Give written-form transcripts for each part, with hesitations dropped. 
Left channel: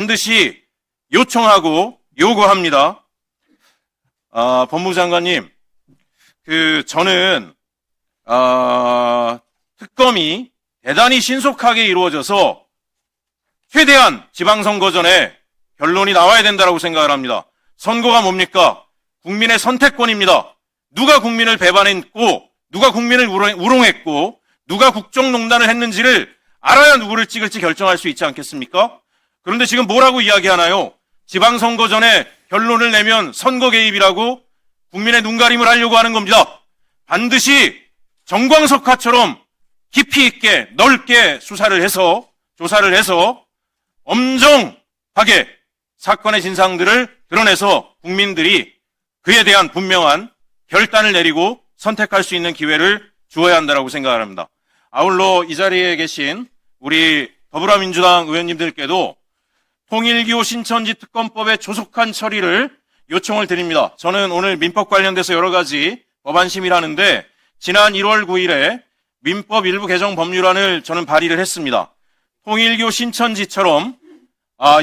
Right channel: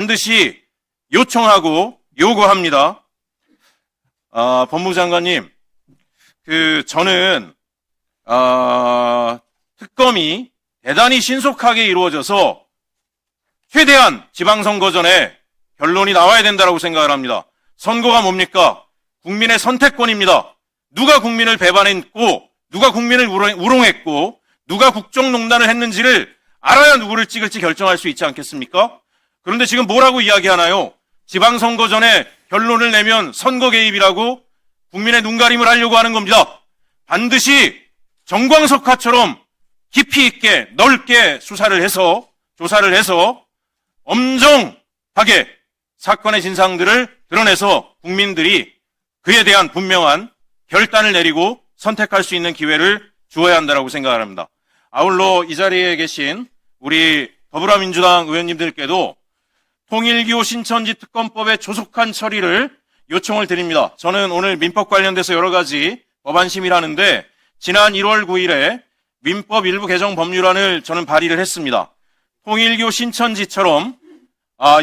반드시 요청하고 요구합니다. 법무부 장관님, 저는 특검이 대단히 신속하게 이루어져서 최대한 지방선거 전에 결론이 나와야 된다고 생각을 합니다. 선거가 뭡니까? 국민의 선택권입니다. 누가 국민을 배반했고 누가 국민을 우롱했고 누가 국정농단을 했는지를 알아야 누구를 찍을지 결정할 수 있지 않겠습니까? 그런데 지금 뭐라고 이야기하나요? 지방선거 전에 결론을 내면 선거 개입이라고 국민의 눈가림을 하려고 하는 겁니다. 반드시 정광석화처럼 깊이 있게 넓게 수사를 해서 조사를 해서 엄정하게 사건의 진상들을 드러내서 국민들이 그에 대한 분명한 결단을 내리고 선택할 수 있는 기회를 주어야 한다고 생각을 합니다. 아울러 이 자리에 계신 우리 더불어민주당 의원님들께도 통일교 신천지 특검법의 조속한 처리를 요청을 드립니다. 저는 오늘 민법 관련돼서 여러 가지 법안 심의를 하는데 지난 1월 9일에 민법 일부 개정 법률안을 저는 발의를 했습니다. 통일교 신천지처럼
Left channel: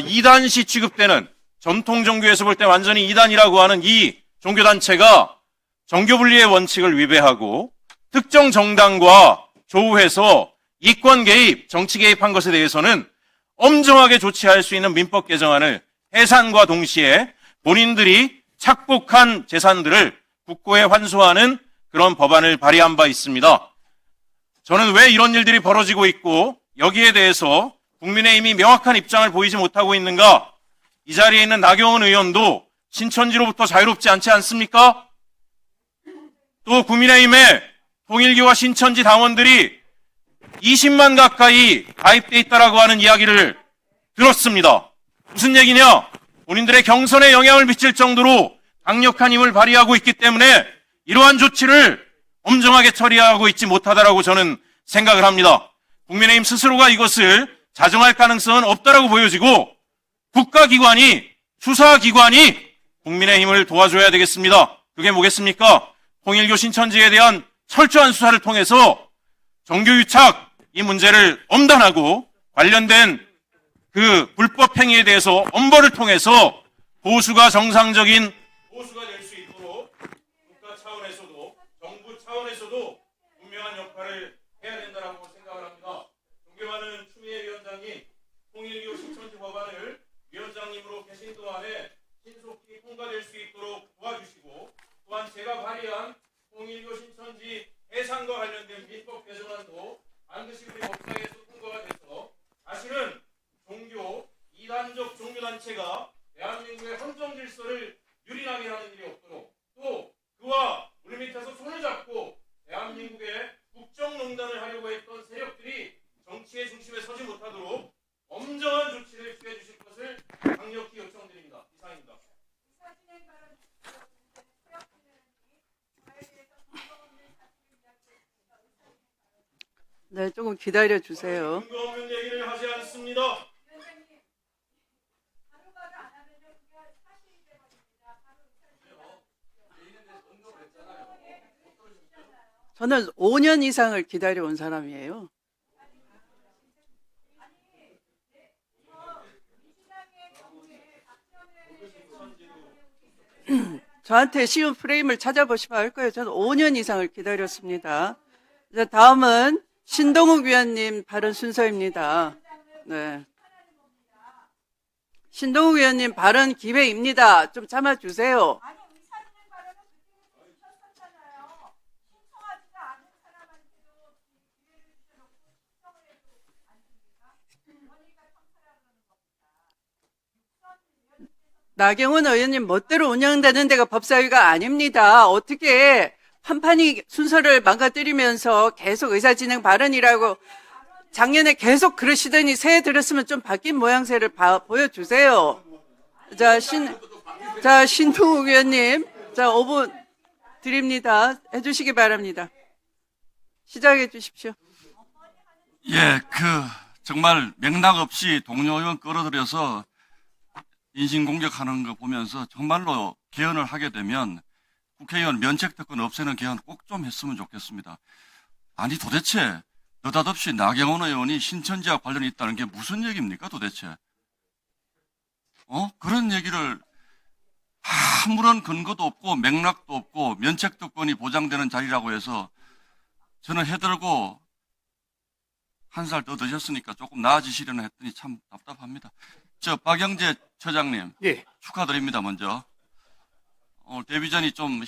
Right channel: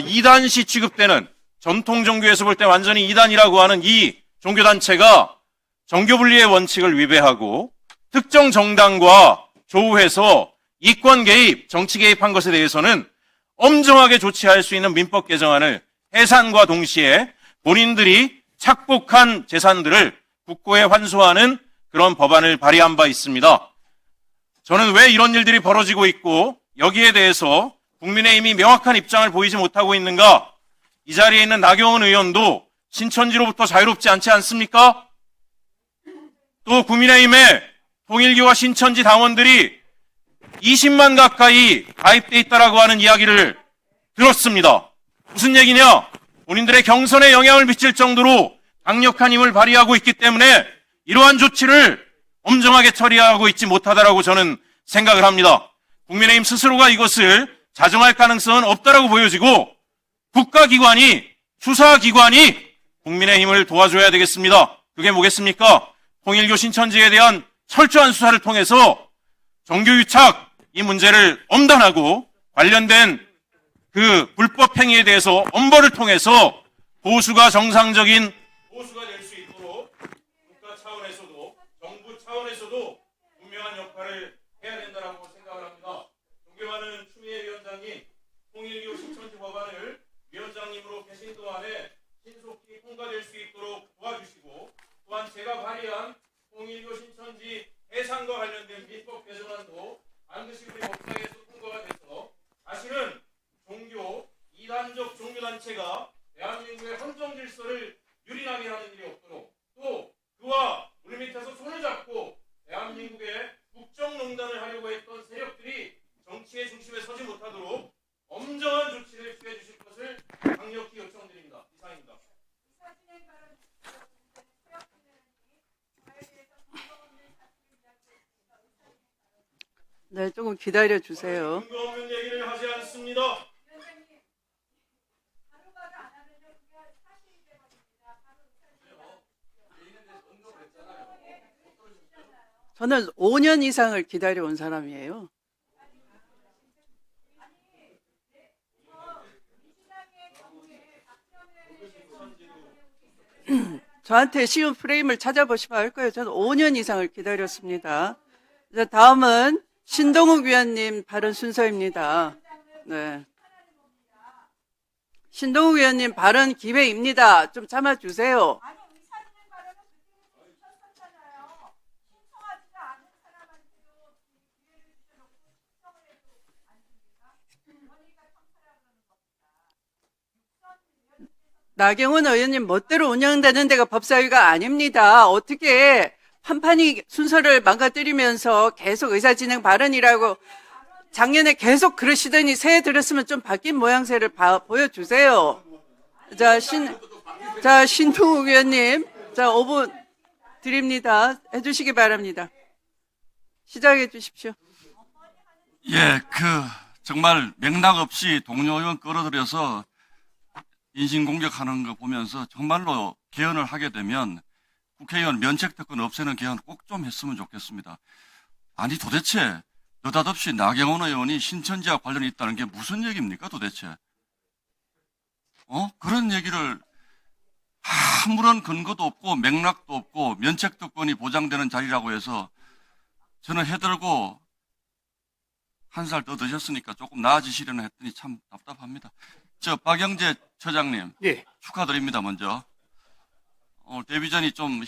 이단시 취급되는 전통 종교에서 볼 때 완전히 이단이라고 하는 이 종교단체가 정교분리의 원칙을 위배하고 특정 정당과 조우해서 이권 개입, 정치 개입한 것에 대해서는 엄정하게 조치할 수 있는 민법 개정안을 해산과 동시에 본인들이 착복한 재산들을 국고에 환수하는 그런 법안을 발의한 바 있습니다. 저는 왜 이런 일들이 벌어지고 있고 여기에 대해서 국민의힘이 명확한 입장을 보이지 못하고 있는가? 이 자리에 있는 나경원 의원도 신천지로부터 자유롭지 않지 않습니까? 또 국민의힘에 통일교와 신천지 당원들이 20만 가까이 가입돼 있다라고 하는 이야기를 들었습니다. 무슨 얘기냐? 본인들의 경선에 영향을 미칠 정도로 강력한 힘을 발휘하고 있기 때문에 이러한 조치를 엄정하게 처리하고 있지 못하다라고 저는 생각을 합니다. 국민의힘 스스로가 이것을 자정할 가능성은 없다라고 보여지고 국가기관이, 수사기관이 국민의힘을 도와줘야 되겠습니다. 그게 뭐겠습니까? 통일교 신천지에 대한 철저한 수사를 통해서 정교유착 이 문제를 엄단하고 관련된 그 불법 행위에 대해서 엄벌을 통해서 보수가 정상적인 보수가 될 수 있도록 국가 차원에서도 정부 차원에서도 분명한 역할을 해야 된다고 생각을 합니다. 존경하는 추미애 위원장님, 통일교 신천지 법안을 위원장님으로 계신 동안에 신속히 통과될 수 있도록 도와주시고 또한 제가 발의한 통일교 신천지 해산과 관련된 민법 개정안도 반드시 우리 법사위에서 통과가 돼서 다시는 종교, 이단적 종교단체가 대한민국의 헌정 질서를 유린하게 하는 일이 없도록 또 그와 물밑에서 손을 잡고 대한민국의 국정농단을 하려고 했던 세력들이 정치의 중심에 서지 못하도록 엄정한 조치를 취해 주실 것을 강력히 요청드립니다. 이상입니다. 네, 조금 기다려 주세요. 근거 없는 얘기를 하지 않습니다. 저는 5년 이상을 기다려온 사람이에요. 저한테 쉬운 프레임을 찾아보시면 알 거예요. 저는 5년 이상을 기다렸습니다. 이제 다음은 신동욱 위원님 발언 순서입니다. 네. 신동욱 위원님 발언 기회입니다. 좀 참아주세요. 나경원 의원님 멋대로 운영되는 데가 법사위가 아닙니다. 어떻게 판판이 순서를 망가뜨리면서 계속 의사진행 발언이라고 작년에 계속 그러시더니 새해 들었으면 좀 바뀐 모양새를 보여주세요. 자, 신동욱 의원님, 5분 드립니다. 해주시기 바랍니다. 시작해 주십시오. 예, 정말 맥락 없이 동료 의원 끌어들여서 인신공격하는 거 보면서 정말로 개헌을 하게 되면 국회의원 면책특권 없애는 개헌 꼭 좀 했으면 좋겠습니다. 아니 도대체 느닷없이 나경원 의원이 신천지와 관련이 있다는 게 무슨 얘기입니까 도대체? 그런 얘기를 아무런 근거도 없고 맥락도 없고 면책특권이 보장되는 자리라고 해서 저는 해들고 한 살 더 드셨으니까 조금 나아지시려나 했더니 참 답답합니다. 박영재 처장님 예. 축하드립니다. 먼저 데뷔전이 좀